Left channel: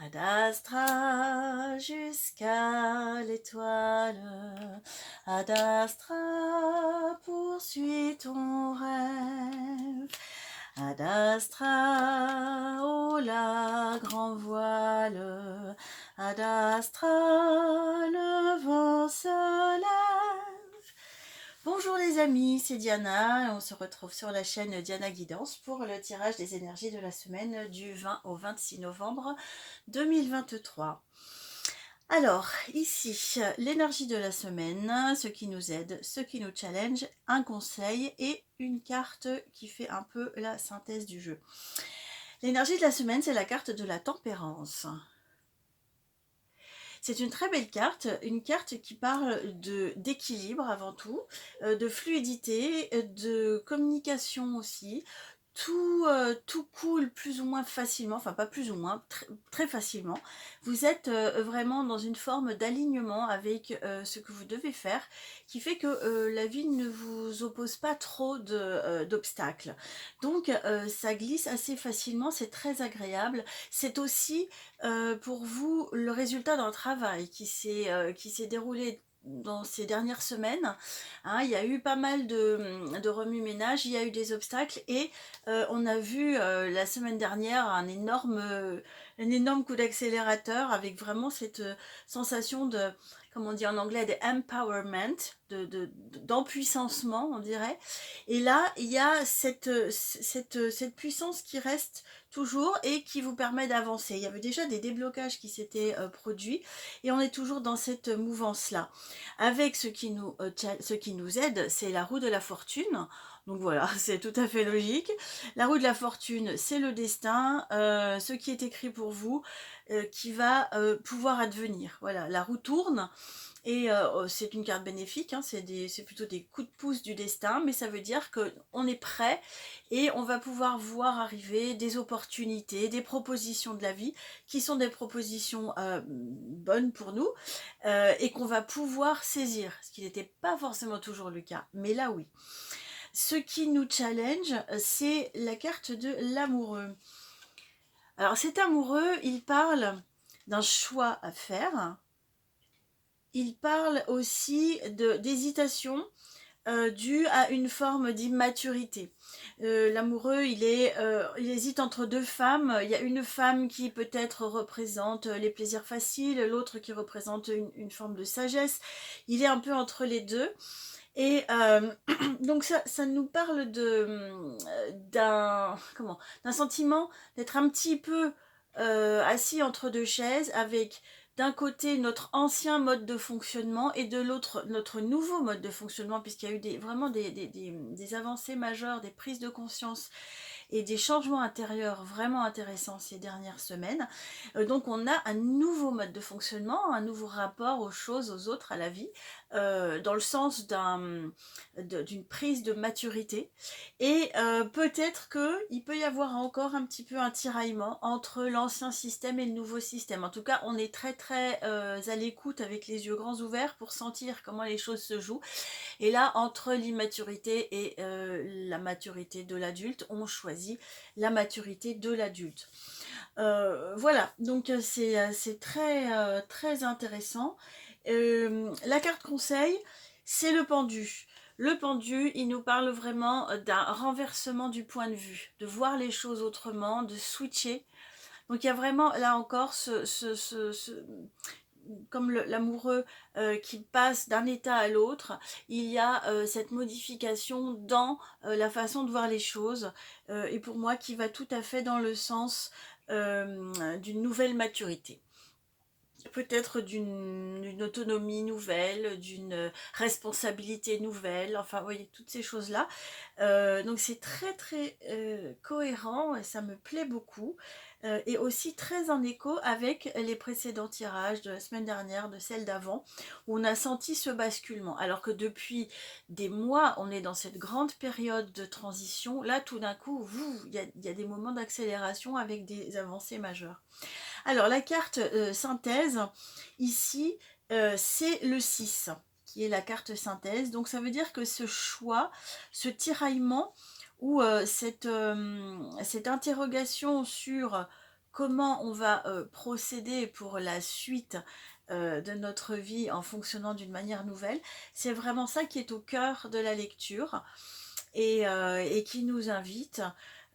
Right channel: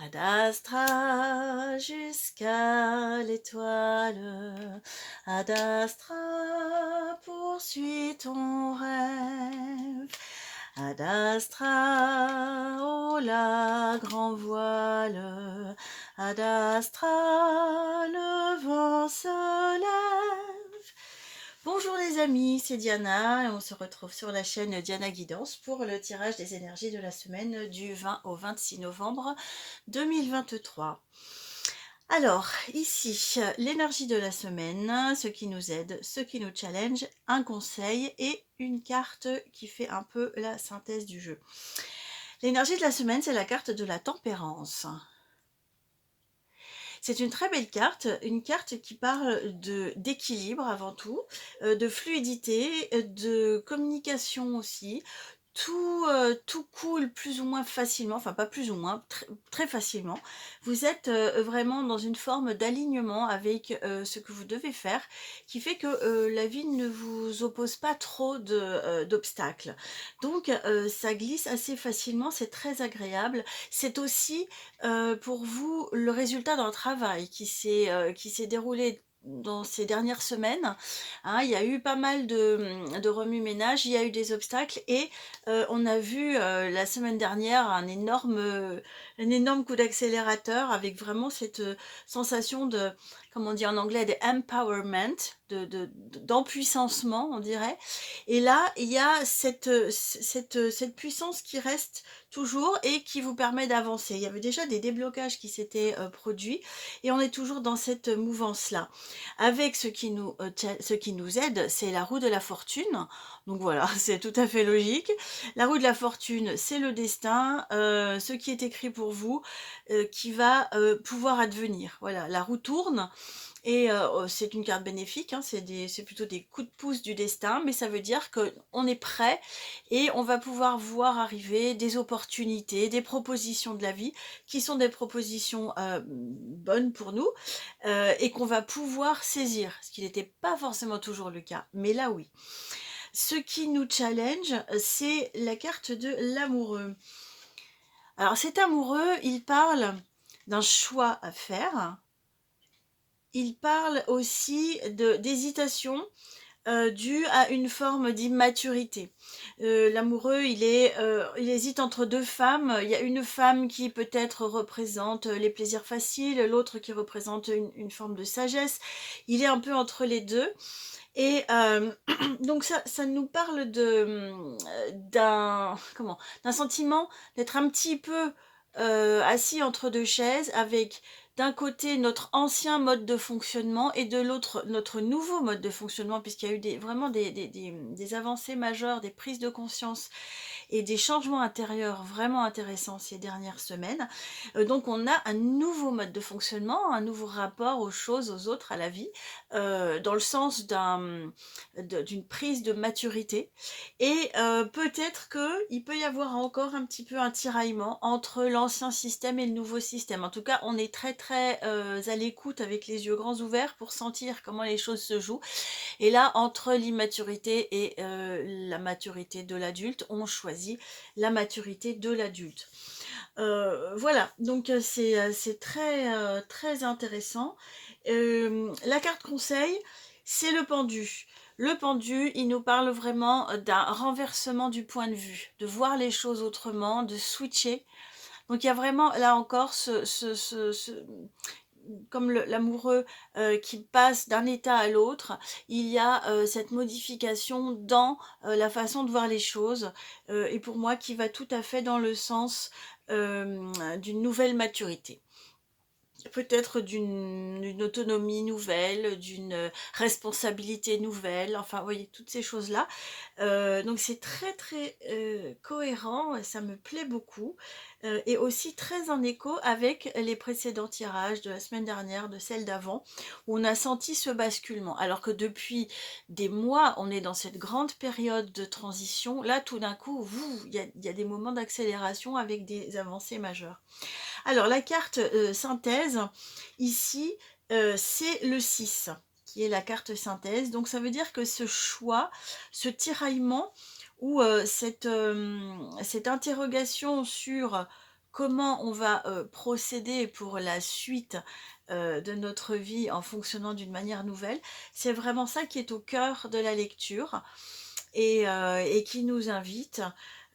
Ad astra jusqu'à l'étoile, Ad astra poursuis ton rêve, Ad astra au la grand voile, Ad astra le vent se lève. Bonjour les amis, c'est Diana et on se retrouve sur la chaîne Diana Guidance pour le tirage des énergies de la semaine du 20 au 26 novembre 2023. Alors, ici, l'énergie de la semaine, ce qui nous aide, ce qui nous challenge, un conseil et une carte qui fait un peu la synthèse du jeu. L'énergie de la semaine, c'est la carte de la tempérance. C'est une très belle carte, une carte qui parle d'équilibre avant tout, de fluidité, de communication aussi. Tout coule plus ou moins facilement, enfin pas plus ou moins, très facilement. Vous êtes vraiment dans une forme d'alignement avec ce que vous devez faire, qui fait que la vie ne vous oppose pas trop d'obstacles. Donc ça glisse assez facilement, c'est très agréable. C'est aussi pour vous le résultat d'un travail qui s'est déroulé dans ces dernières semaines. Hein, il y a eu pas mal de remue-ménage, il y a eu des obstacles et on a vu la semaine dernière un énorme coup d'accélérateur avec vraiment cette sensation de, comme on dit en anglais, de empowerment, d'empuissancement, on dirait. Et là, il y a cette puissance qui reste toujours et qui vous permet d'avancer. Il y avait déjà des déblocages qui s'étaient produits et on est toujours dans cette mouvance-là. Avec ce qui nous aide, c'est la roue de la fortune. Donc voilà, c'est tout à fait logique. La roue de la fortune, c'est le destin, ce qui est écrit pour vous, qui va pouvoir advenir. Voilà, la roue tourne et c'est une carte bénéfique, hein, c'est plutôt des coups de pouce du destin, mais ça veut dire qu'on est prêt et on va pouvoir voir arriver des opportunités, des propositions de la vie qui sont des propositions bonnes pour nous et qu'on va pouvoir saisir, ce qui n'était pas forcément toujours le cas, mais là oui. Ce qui nous challenge, c'est la carte de l'amoureux. Alors cet amoureux, il parle d'un choix à faire. Il parle aussi d'hésitation due à une forme d'immaturité. L'amoureux, il hésite entre deux femmes. Il y a une femme qui peut-être représente les plaisirs faciles, l'autre qui représente une forme de sagesse. Il est un peu entre les deux. Et donc ça nous parle d'un sentiment d'être un petit peu assis entre deux chaises avec d'un côté notre ancien mode de fonctionnement et de l'autre notre nouveau mode de fonctionnement puisqu'il y a eu vraiment des avancées majeures, des prises de conscience et des changements intérieurs vraiment intéressants ces dernières semaines. Donc on a un nouveau mode de fonctionnement, un nouveau rapport aux choses, aux autres, à la vie, dans le sens d'une prise de maturité. Et peut-être qu'il peut y avoir encore un petit peu un tiraillement entre l'ancien système et le nouveau système. En tout cas, on est très très à l'écoute avec les yeux grands ouverts pour sentir comment les choses se jouent. Et là, entre l'immaturité et la maturité de l'adulte, on choisit la maturité de l'adulte. Voilà, donc c'est très, très intéressant. La carte conseil, c'est le pendu. Le pendu, il nous parle vraiment d'un renversement du point de vue, de voir les choses autrement, de switcher. Donc il y a vraiment, là encore, comme l'amoureux qui passe d'un état à l'autre, il y a cette modification dans la façon de voir les choses, et pour moi qui va tout à fait dans le sens d'une nouvelle maturité. Peut-être d'une autonomie nouvelle, d'une responsabilité nouvelle, enfin, vous voyez, toutes ces choses-là. Donc c'est très très cohérent, et ça me plaît beaucoup. Et aussi très en écho avec les précédents tirages de la semaine dernière, de celle d'avant, où on a senti ce basculement. Alors que depuis des mois, on est dans cette grande période de transition. Là, tout d'un coup, il y a des moments d'accélération avec des avancées majeures. Alors, la carte synthèse, ici, c'est le 6, qui est la carte synthèse. Donc, ça veut dire que ce choix, ce tiraillement, ou cette interrogation sur comment on va procéder pour la suite de notre vie en fonctionnant d'une manière nouvelle. C'est vraiment ça qui est au cœur de la lecture et qui nous invite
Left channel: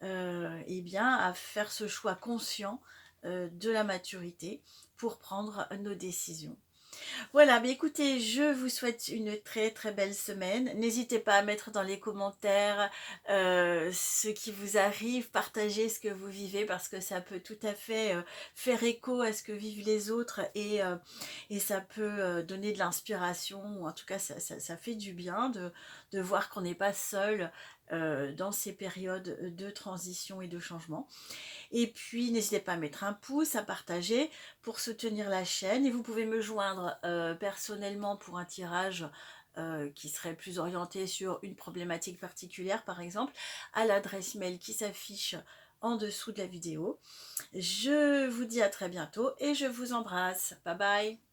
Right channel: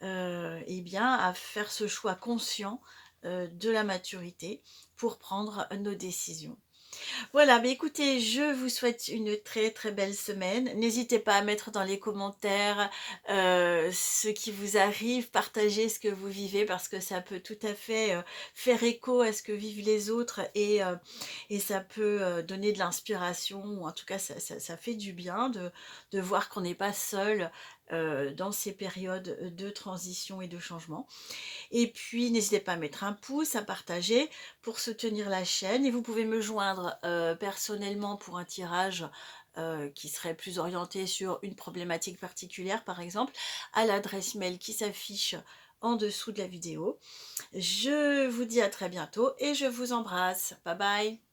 eh bien, à faire ce choix conscient de la maturité pour prendre nos décisions. Voilà, mais écoutez, je vous souhaite une très, très belle semaine. N'hésitez pas à mettre dans les commentaires, ce qui vous arrive, partagez ce que vous vivez parce que ça peut tout à fait, faire écho à ce que vivent les autres et ça peut, donner de l'inspiration ou en tout cas ça fait du bien de voir qu'on n'est pas seul, dans ces périodes, de transition et de changement. Et puis, n'hésitez pas à mettre un pouce, à partager pour soutenir la chaîne. Et vous pouvez me joindre personnellement pour un tirage qui serait plus orienté sur une problématique particulière, par exemple, à l'adresse mail qui s'affiche en dessous de la vidéo. Je vous dis à très bientôt et je vous embrasse. Bye bye.